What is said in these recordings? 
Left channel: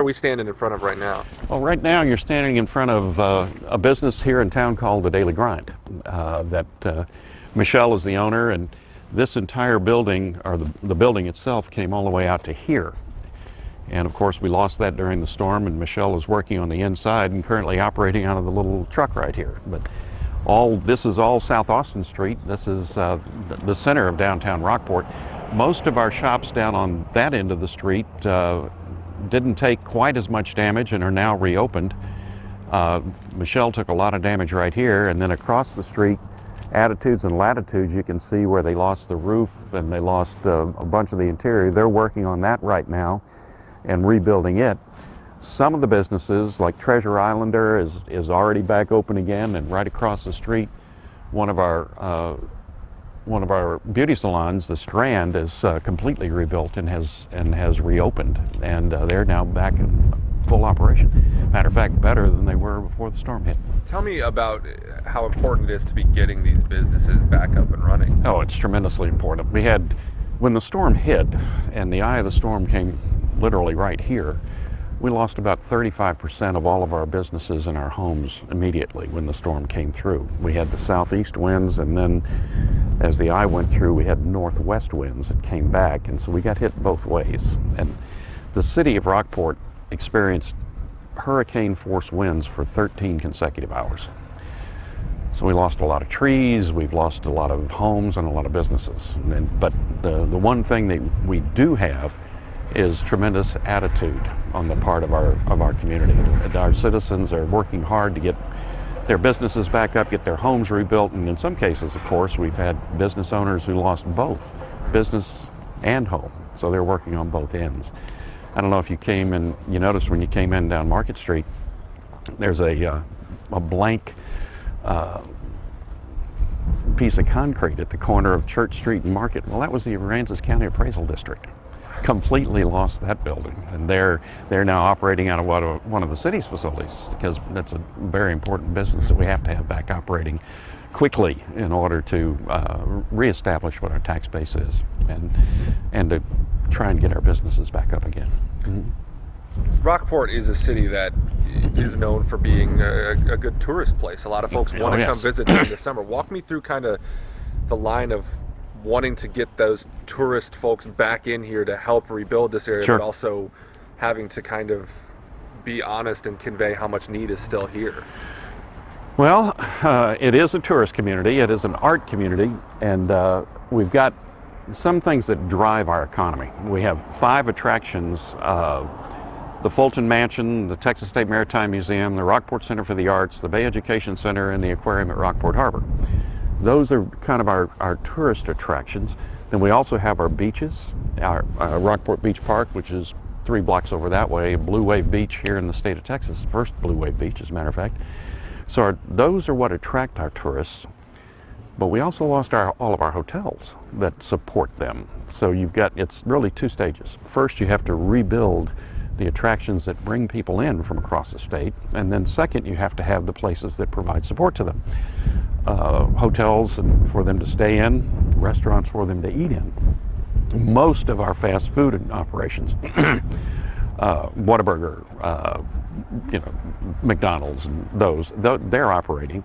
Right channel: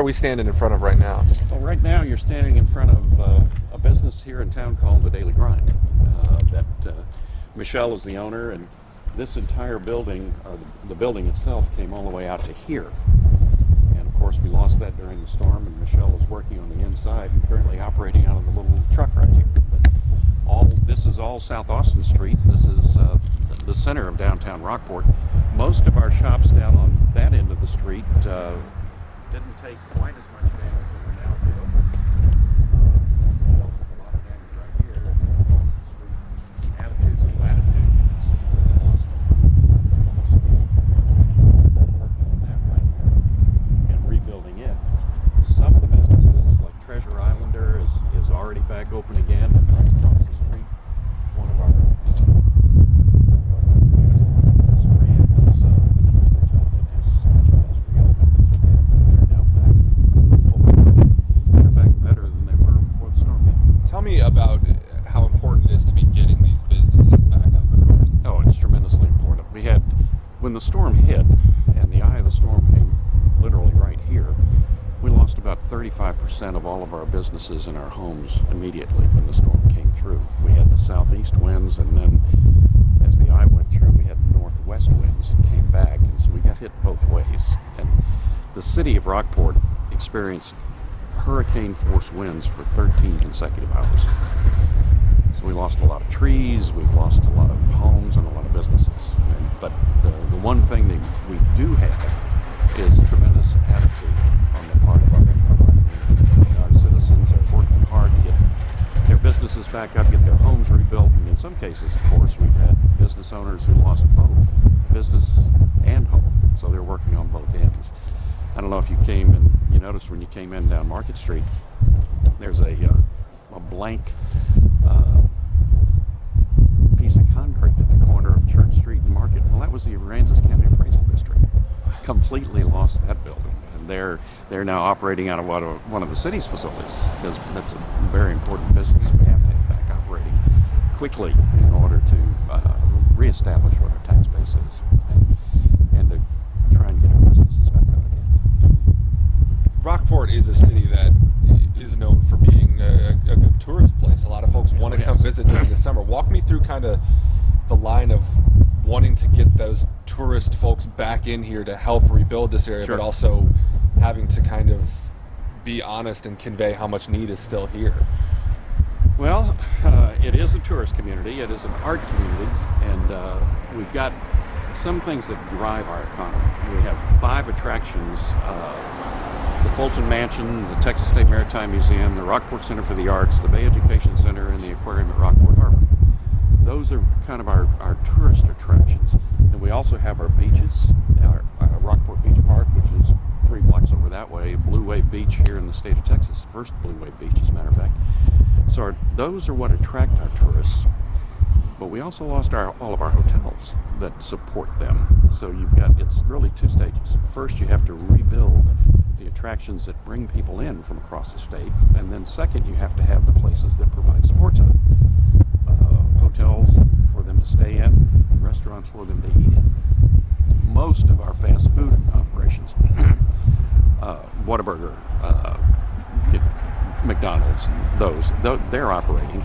Are we standing in front of right now? Well, right now you're standing in front of a business here in town called The Daily Grind. Michelle is the owner, and this entire building, or the building itself, came all the way out to here. And of course we lost that during the storm, and Michelle is working on the inside and currently operating out of the little truck right here. But this is all South Austin Street. This is the center of downtown Rockport. Most of our shops down on that end of the street didn't take quite as much damage and are now reopened. Michelle took a lot of damage right here, and then across the street, Attitudes and Latitudes, you can see where they lost the roof and they lost a bunch of the interior. They're working on that right now and rebuilding it. Some of the businesses, like Treasure Islander, is already back open again, and right across the street, one of our beauty salons, the Strand, is completely rebuilt and has reopened, and they're now back in full operation. Matter of fact, better than they were before the storm hit. Tell me about how important it is to be getting these businesses back up and running. Oh, it's tremendously important. When the storm hit, and the eye of the storm came literally right here, we lost about 35% of all of our businesses and our homes immediately when the storm came through. We had the southeast winds, and then as the eye went through, we had northwest winds that came back, and so we got hit both ways. And the city of Rockport experienced hurricane force winds for 13 consecutive hours. So we lost a lot of trees, we've lost a lot of homes and a lot of businesses. But the one thing that we do have is tremendous attitude on the part of our community. Our citizens are working hard to get their businesses back up, get their homes rebuilt, and in some cases, of course, we've had business owners who lost both business and home. So they're working on both ends. I don't know if you came in, you noticed when you came in down Market Street, there's a blank piece of concrete at the corner of Church Street and Market. Well, that was the Aransas County Appraisal District. Completely lost that building, and they're now operating out of one of the city's facilities, because that's a very important business that we have to have back operating quickly in order to reestablish what our tax base is and to try and get our businesses back up again. Rockport is a city that is known for being a good tourist place. A lot of folks want to come visit during the summer. Walk me through kind of the line of wanting to get those tourist folks back in here to help rebuild this area, but also having to kind of be honest and convey how much need is still here. Well, it is a tourist community, it is an art community, and we've got some things that drive our economy. We have 5 attractions: the Fulton Mansion, the Texas State Maritime Museum, the Rockport Center for the Arts, the Bay Education Center, and the aquarium at Rockport Harbor. Those are kind of our tourist attractions. Then we also have our beaches, our Rockport Beach Park, which is 3 blocks over that way, Blue Wave Beach here in the state of Texas, first Blue Wave Beach as a matter of fact. So those are what attract our tourists. But we also lost all of our hotels that support them. So it's really 2 stages. First, you have to rebuild the attractions that bring people in from across the state. And then second, you have to have the places that provide support to them. Hotels for them to stay in, restaurants for them to eat in. Most of our fast food operations, Whataburger, McDonald's, they're operating.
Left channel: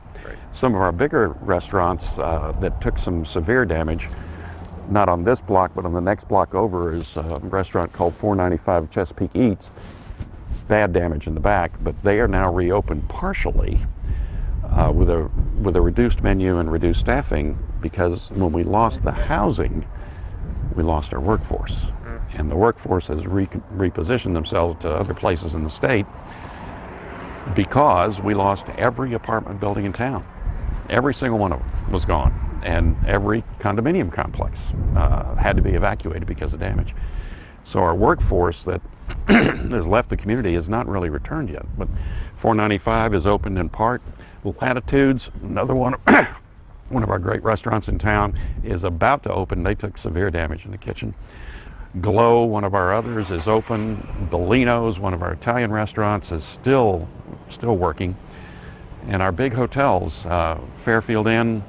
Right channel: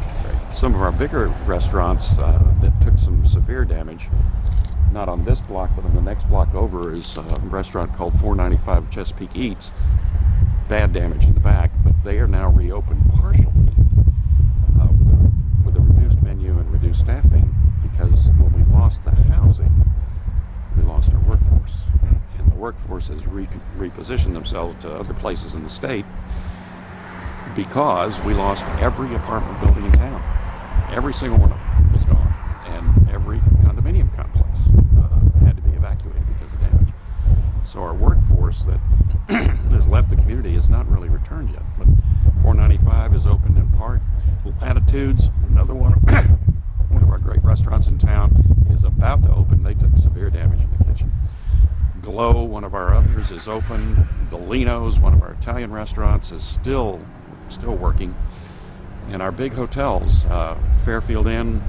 Some of our bigger restaurants that took some severe damage, not on this block, but on the next block over, is a restaurant called 495 Chesapeake Eats. Bad damage in the back, but they are now reopened partially with a reduced menu and reduced staffing, because when we lost the housing, we lost our workforce. And the workforce has repositioned themselves to other places in the state because we lost every apartment building in town. Every single one of them was gone, and every condominium complex had to be evacuated because of damage. So our workforce that has left the community has not really returned yet, but 495 is open in part. Latitudes, another one of our great restaurants in town, is about to open. They took severe damage in the kitchen. Glow, one of our others, is open. Bellino's, one of our Italian restaurants, is still working. And our big hotels, Fairfield Inn,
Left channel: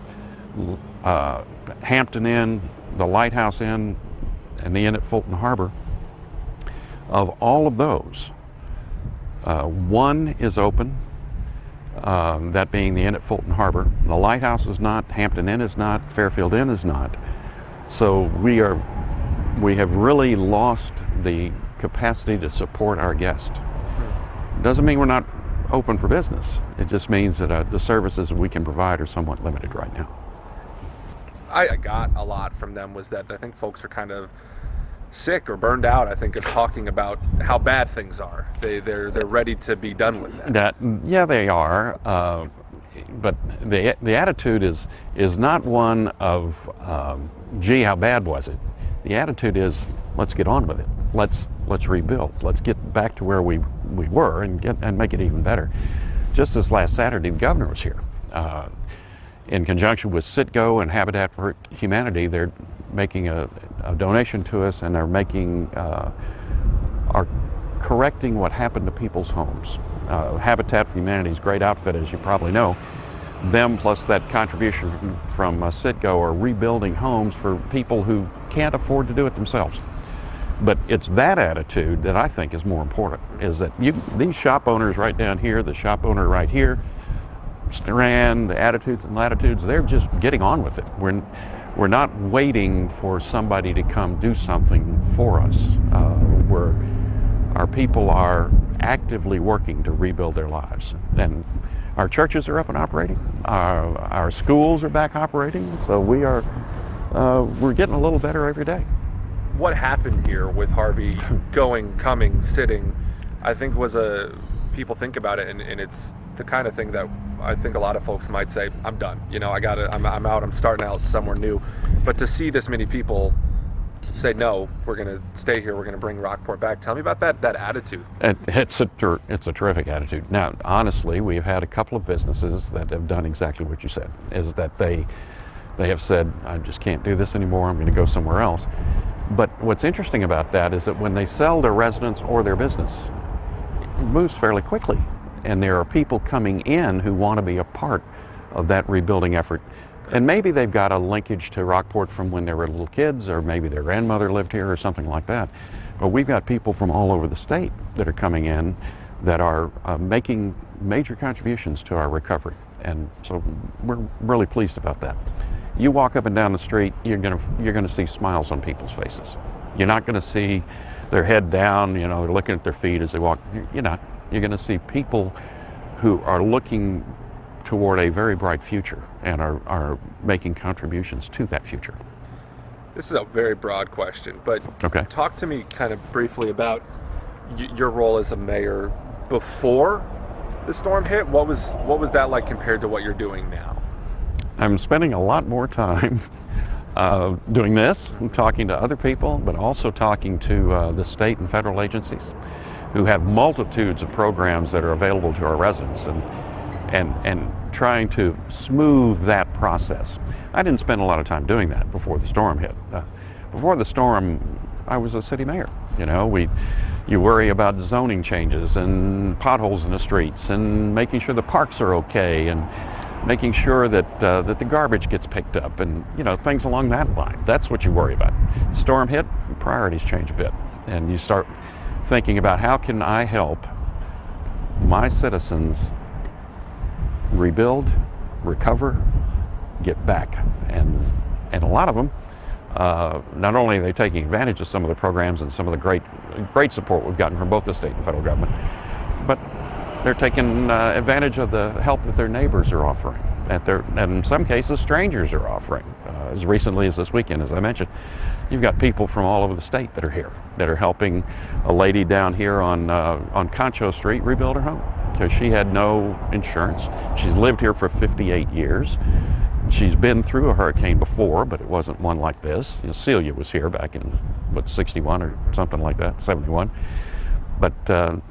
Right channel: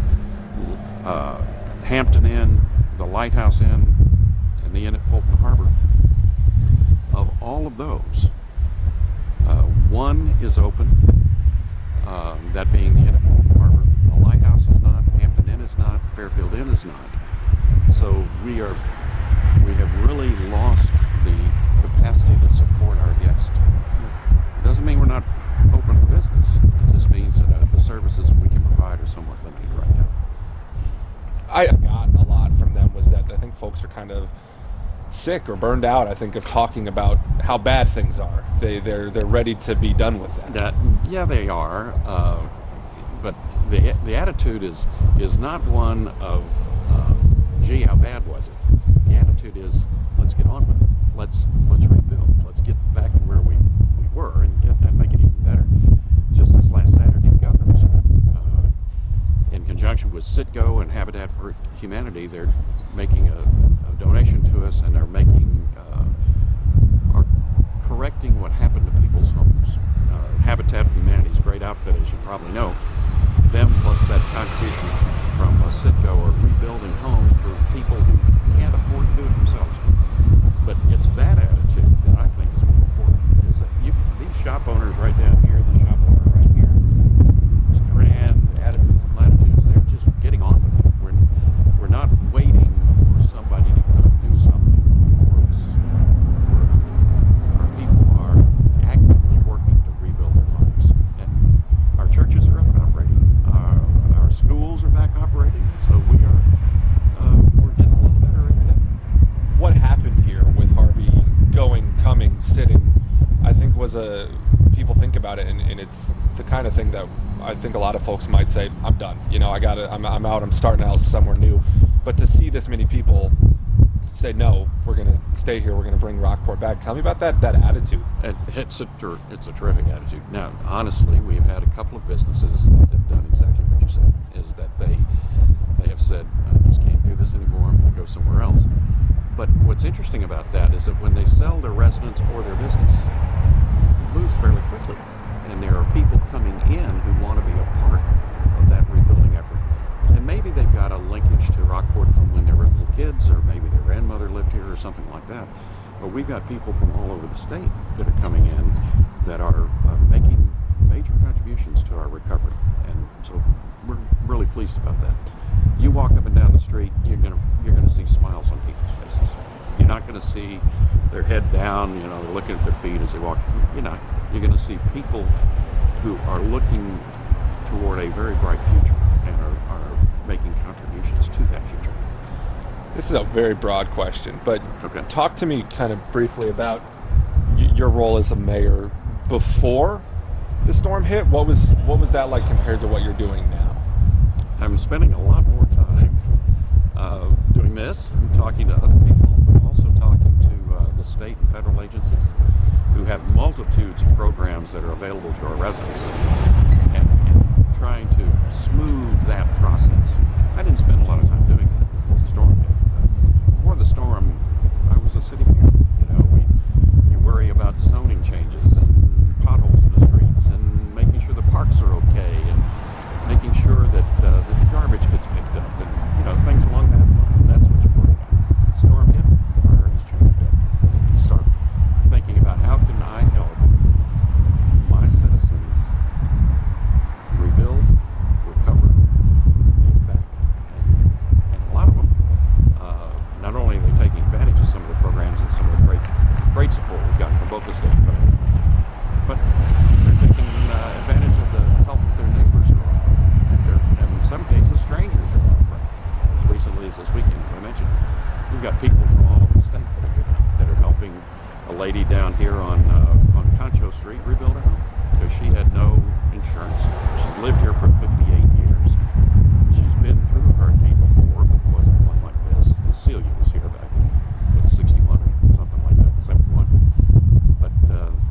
Hampton Inn, the Lighthouse Inn, and the Inn at Fulton Harbor, of all of those, One is open, that being the Inn at Fulton Harbor. The Lighthouse is not, Hampton Inn is not, Fairfield Inn is not. So we have really lost the capacity to support our guests. Doesn't mean we're not open for business. It just means that the services we can provide are somewhat limited right now. I got a lot from them was that I think folks are kind of sick or burned out, I think, of talking about how bad things are. They're ready to be done with that. Yeah, they are. But the attitude is not one of, gee, how bad was it? The attitude is, let's get on with it. Let's rebuild. Let's get back to where we were and make it even better. Just this last Saturday, the governor was here. In conjunction with Citgo and Habitat for Humanity, they're making a donation to us, and they're are correcting what happened to people's homes. Habitat for Humanity is a great outfit, as you probably know. Them plus that contribution from Citgo are rebuilding homes for people who can't afford to do it themselves. But it's that attitude that I think is more important, is that these shop owners right down here, the shop owner right here, Strand, the attitudes and latitudes, they're just getting on with it. We're not waiting for somebody to come do something for us. Our people are actively working to rebuild their lives. And our churches are up and operating. Our schools are back operating. So we're getting a little better every day. What happened here with Harvey going, coming, sitting, I think people think about it, and it's the kind of thing that I think a lot of folks might say, I'm done. I'm out, I'm starting out somewhere new. But to see this many people say, no, we're going to stay here, we're going to bring Rockport back. Tell me about that attitude. It's a terrific attitude. Now, honestly, we've had a couple of businesses that have done exactly what you said, is that they have said, I just can't do this anymore, I'm going to go somewhere else. But what's interesting about that is that when they sell their residence or their business, it moves fairly quickly. And there are people coming in who want to be a part of that rebuilding effort. And maybe they've got a linkage to Rockport from when they were little kids, or maybe their grandmother lived here or something like that. But we've got people from all over the state that are coming in that are making major contributions to our recovery. And so we're really pleased about that. You walk up and down the street, you're gonna see smiles on people's faces. You're not gonna see their head down, they're looking at their feet as they walk. You're not. You're gonna see people who are looking toward a very bright future and are making contributions to that future. This is a very broad question, but okay. Talk to me kind of briefly about your role as a mayor before the storm hit. What was that like compared to what you're doing now? I'm spending a lot more time doing this, talking to other people, but also talking to the state and federal agencies who have multitudes of programs that are available to our residents, and trying to smooth that process. I didn't spend a lot of time doing that before the storm hit. Before the storm, I was a city mayor. You worry about zoning changes and potholes in the streets and making sure the parks are okay and making sure that the garbage gets picked up and things along that line. That's what you worry about. Storm hit, priorities change a bit, and you start thinking about how can I help my citizens rebuild, recover, get back. And a lot of them, not only are they taking advantage of some of the programs and some of the great support we've gotten from both the state and federal government, but they're taking advantage of the help that their neighbors are offering, and in some cases strangers are offering. As recently as this weekend, as I mentioned, you've got people from all over the state that are here, that are helping a lady down here on Concho Street rebuild her home because she had no insurance. She's lived here for 58 years. She's been through a hurricane before, but it wasn't one like this. Celia was here back in 61 or something like that, 71. But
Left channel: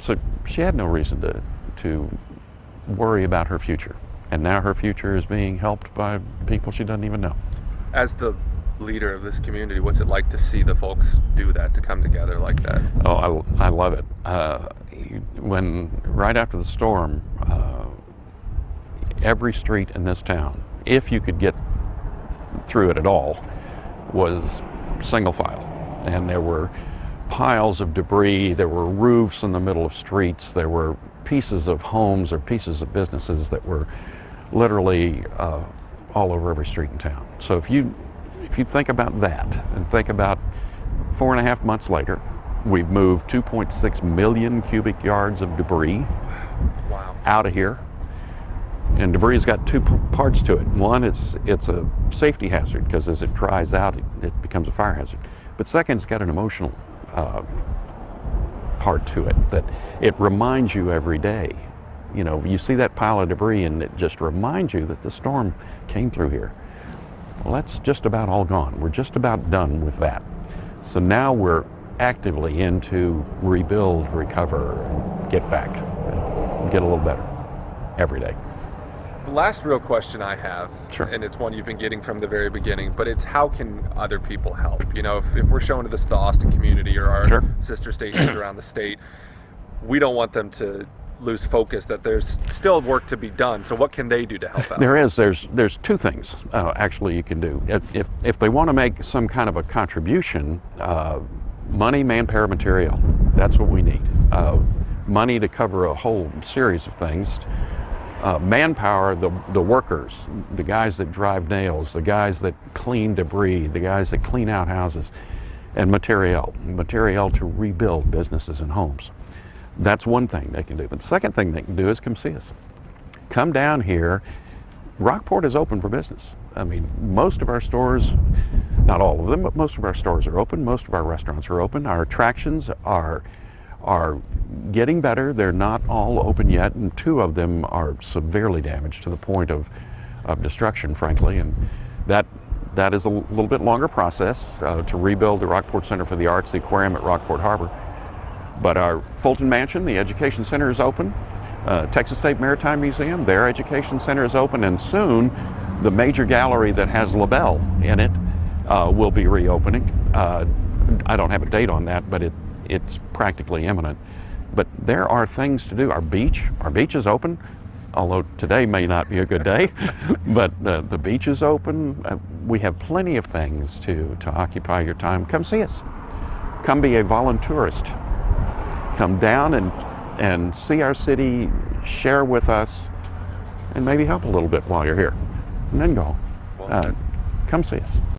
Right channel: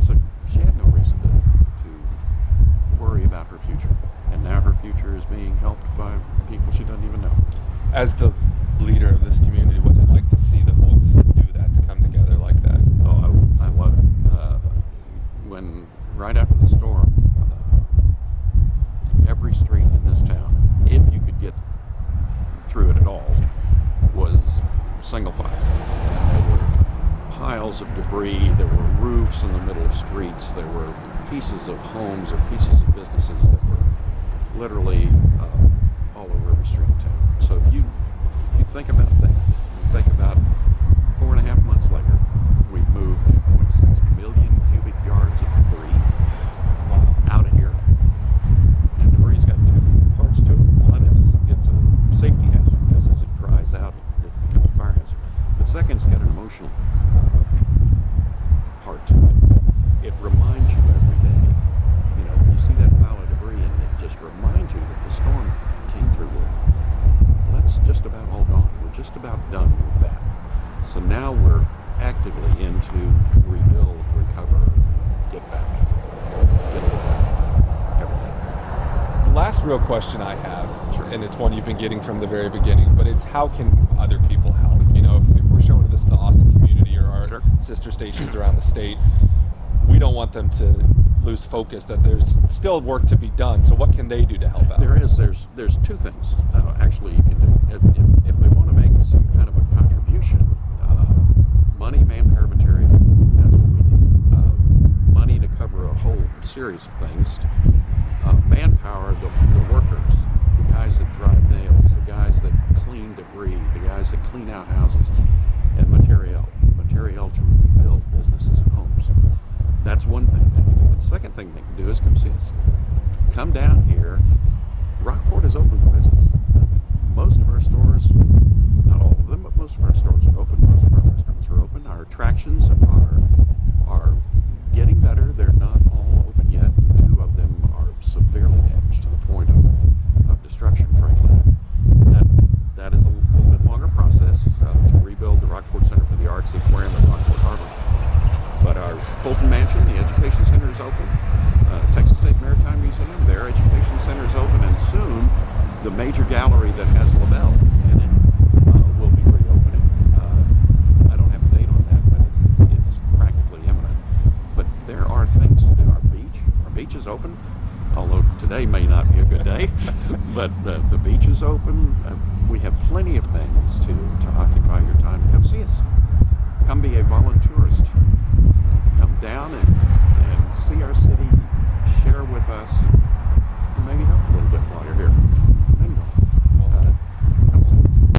so she had no reason to worry about her future. And now her future is being helped by people she doesn't even know. As the leader of this community, what's it like to see the folks do that, to come together like that? Oh, I love it. When right after the storm, every street in this town, if you could get through it at all, was single file. And there were piles of debris, there were roofs in the middle of streets, there were pieces of homes or pieces of businesses that were literally all over every street in town. So if you think about that and think about 4.5 months later, we've moved 2.6 million cubic yards of debris out of here. And debris has got two parts to it. One, it's a safety hazard because as it dries out, it becomes a fire hazard. But second, it's got an emotional part to it that it reminds you every day. You know, you see that pile of debris and it just reminds you that the storm came through here. Well, that's just about all gone. We're just about done with that. So now we're actively into rebuild, recover, get back, get a little better every day. The last real question I have, Sure. and it's one you've been getting from the very beginning, but it's how can other people help? You know, if we're showing this to the Austin community or our Sure. sister stations around the state, we don't want them to lose focus that there's still work to be done. So what can they do to help out? There's two things actually you can do. If they want to make some kind of a contribution, money, manpower, material, that's what we need. Money to cover a whole series of things. Manpower, the workers, the guys that drive nails, the guys that clean debris, the guys that clean out houses, and material to rebuild businesses and homes. That's one thing they can do. But the second thing they can do is come see us. Come down here. Rockport is open for business. I mean, most of our stores, not all of them, but most of our stores are open. Most of our restaurants are open. Our attractions are getting better. They're not all open yet, and 2 of them are severely damaged to the point of destruction, frankly. And that is a little bit longer process to rebuild the Rockport Center for the Arts, the aquarium at Rockport Harbor. But our Fulton Mansion, the Education Center, is open. Texas State Maritime Museum, their Education Center is open, and soon the major gallery that has LaBelle in it will be reopening. I don't have a date on that, but it's practically imminent. But there are things to do. Our beach is open, although today may not be a good day, but the beach is open. We have plenty of things to occupy your time. Come see us. Come be a volunteerist. Come down and see our city, share with us, and maybe help a little bit while you're here. And then go. Well said. Come see us.